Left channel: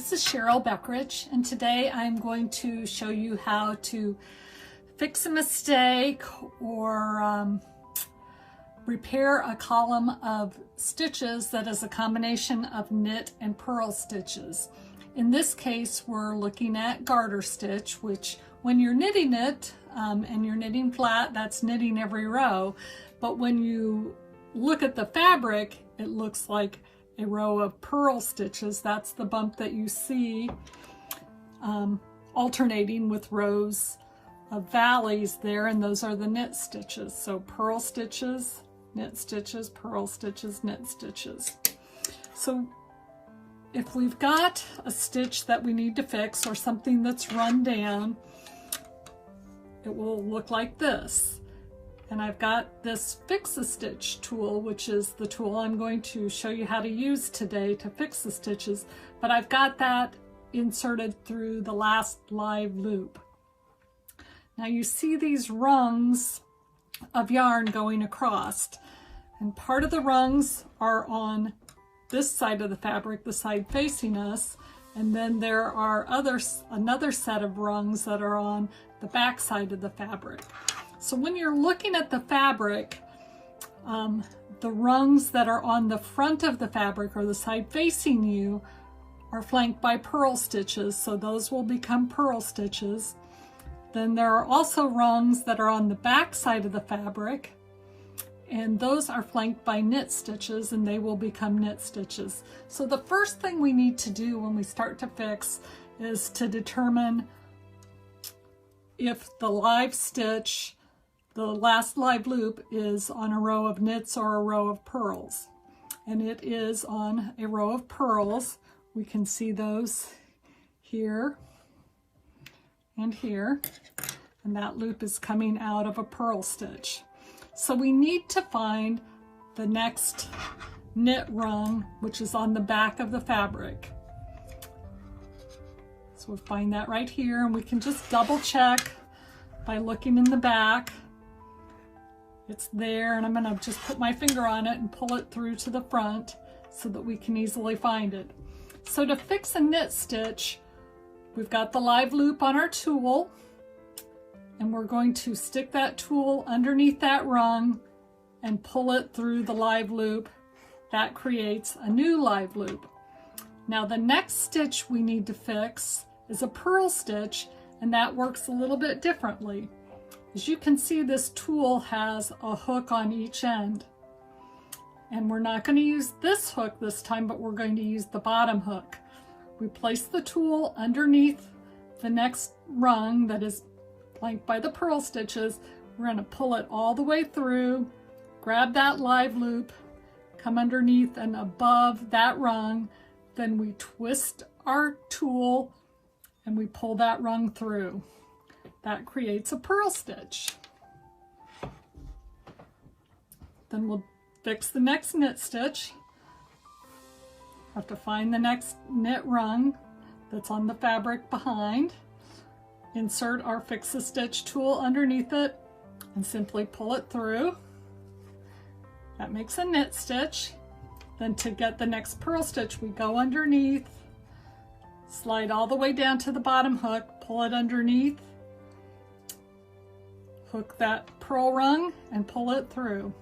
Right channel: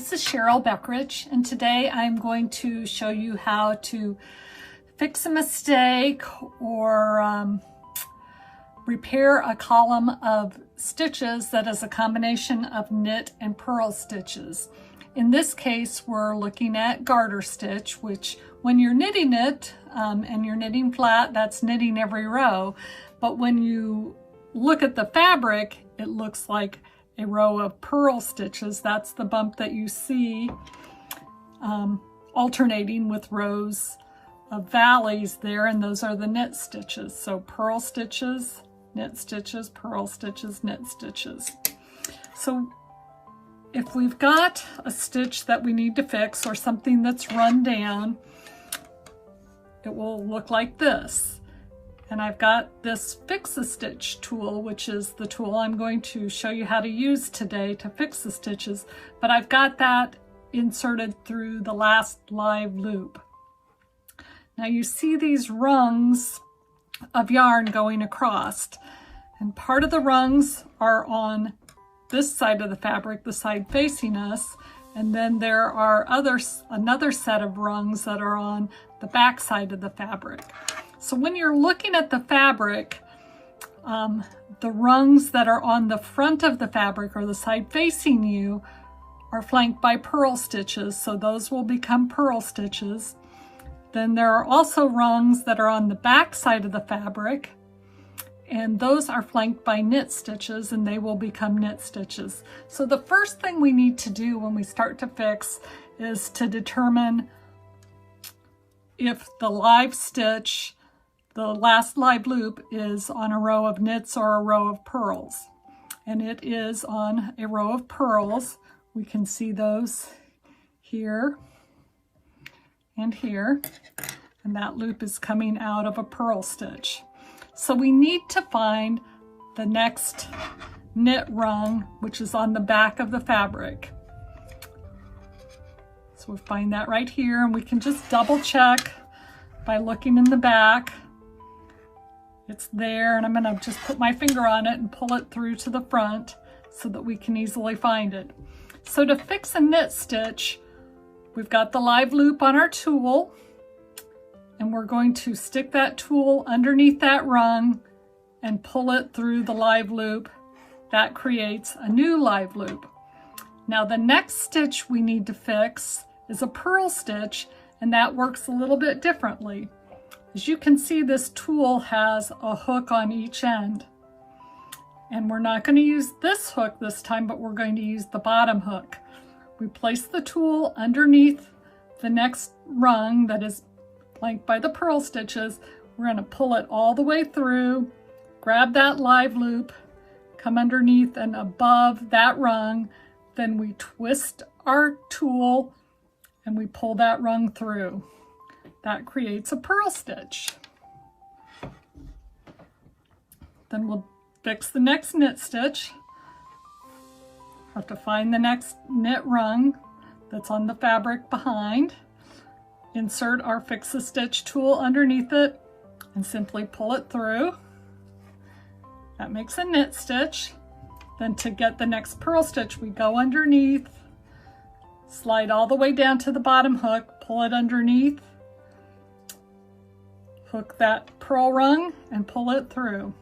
This is Cheryl Beckridge, and today I'm going to show you how to fix a mistake or repair a column of stitches that is a combination of knit and purl stitches. In this case, we're looking at garter stitch, which when you're knitting it and you're knitting flat, that's knitting every row. But when you look at the fabric, it looks like a row of purl stitches. That's the bump that you see alternating with rows of valleys there, and those are the knit stitches. So purl stitches, knit stitches, purl stitches, knit stitches. So if we've got a stitch that we need to fix or something that's run down, it will look like this. And I've got this Fix a Stitch tool, which is the tool I'm going to show you how to use today to fix the stitches, but I've got that inserted through the last live loop. Now you see these rungs of yarn going across, and part of the rungs are on this side of the fabric, the side facing us, and then there are another set of rungs that are on the back side of the fabric. So when you're looking at the fabric, the rungs that are on the front of the fabric or the side facing you are flanked by purl stitches, so those will become purl stitches. Then there are also rungs that are on the back side of the fabric, and those are flanked by knit stitches, and they will become knit stitches. So the first thing we need to do when we start to fix is to determine if the live stitch, the last live loop, is on a row of knits or a row of purls. And it is on a row of purls. We can see those here and here, and that loop is coming out of a purl stitch. So we need to find the next knit rung, which is on the back of the fabric. So we'll find that right here, and we can just double check by looking in the back. It's there, and I'm going to just put my finger on it and pull it through to the front so that we can easily find it. So to fix a knit stitch, we've got the live loop on our tool, and we're going to stick that tool underneath that rung and pull it through the live loop. That creates a new live loop. Now the next stitch we need to fix is a purl stitch, and that works a little bit differently. As you can see, this tool has a hook on each end. And we're not going to use this hook this time, but we're going to use the bottom hook. We place the tool underneath the next rung that is flanked by the purl stitches. We're going to pull it all the way through, grab that live loop, come underneath and above that rung, then we twist our tool and we pull that rung through. That creates a purl stitch. Then we'll fix the next knit stitch. Have to find the next knit rung that's on the fabric behind. Insert our Fix a Stitch tool underneath it and simply pull it through. That makes a knit stitch. Then to get the next purl stitch, we go underneath, slide all the way down to the bottom hook, pull it underneath, hook that purl rung and pull it through.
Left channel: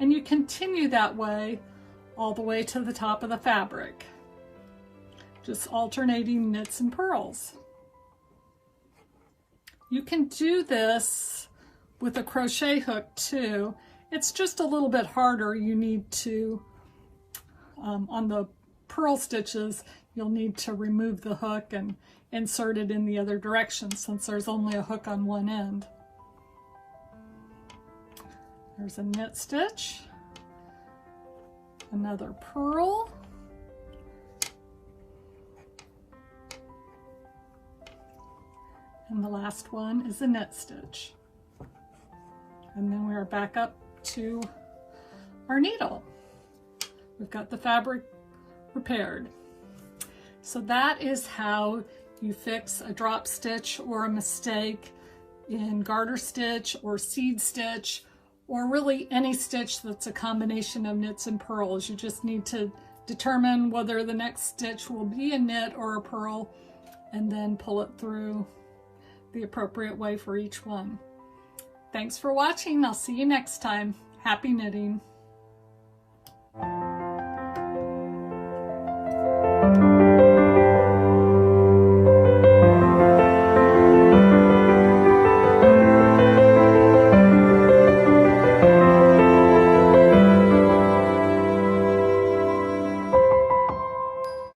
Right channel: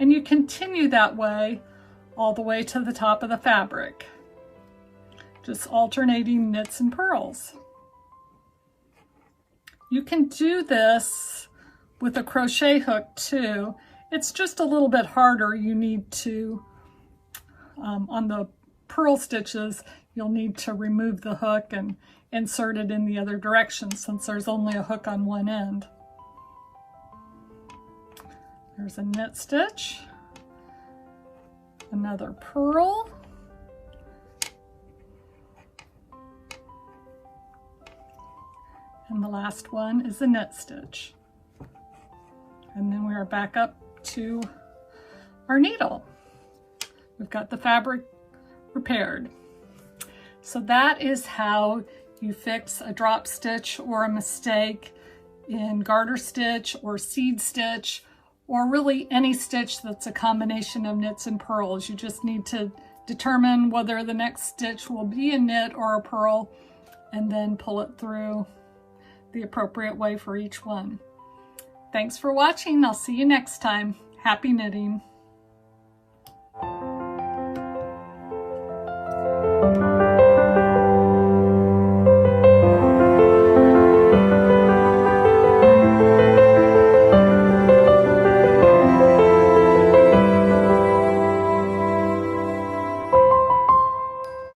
And you continue that way all the way to the top of the fabric, just alternating knits and purls. You can do this with a crochet hook too. It's just a little bit harder. You need to, on the purl stitches, you'll need to remove the hook and insert it in the other direction since there's only a hook on one end. There's a knit stitch, another purl, and the last one is a knit stitch. And then we're back up to our needle. We've got the fabric repaired. So that is how you fix a drop stitch or a mistake in garter stitch or seed stitch, or really any stitch that's a combination of knits and purls. You just need to determine whether the next stitch will be a knit or a purl, and then pull it through the appropriate way for each one. Thanks for watching. I'll see you next time. Happy knitting.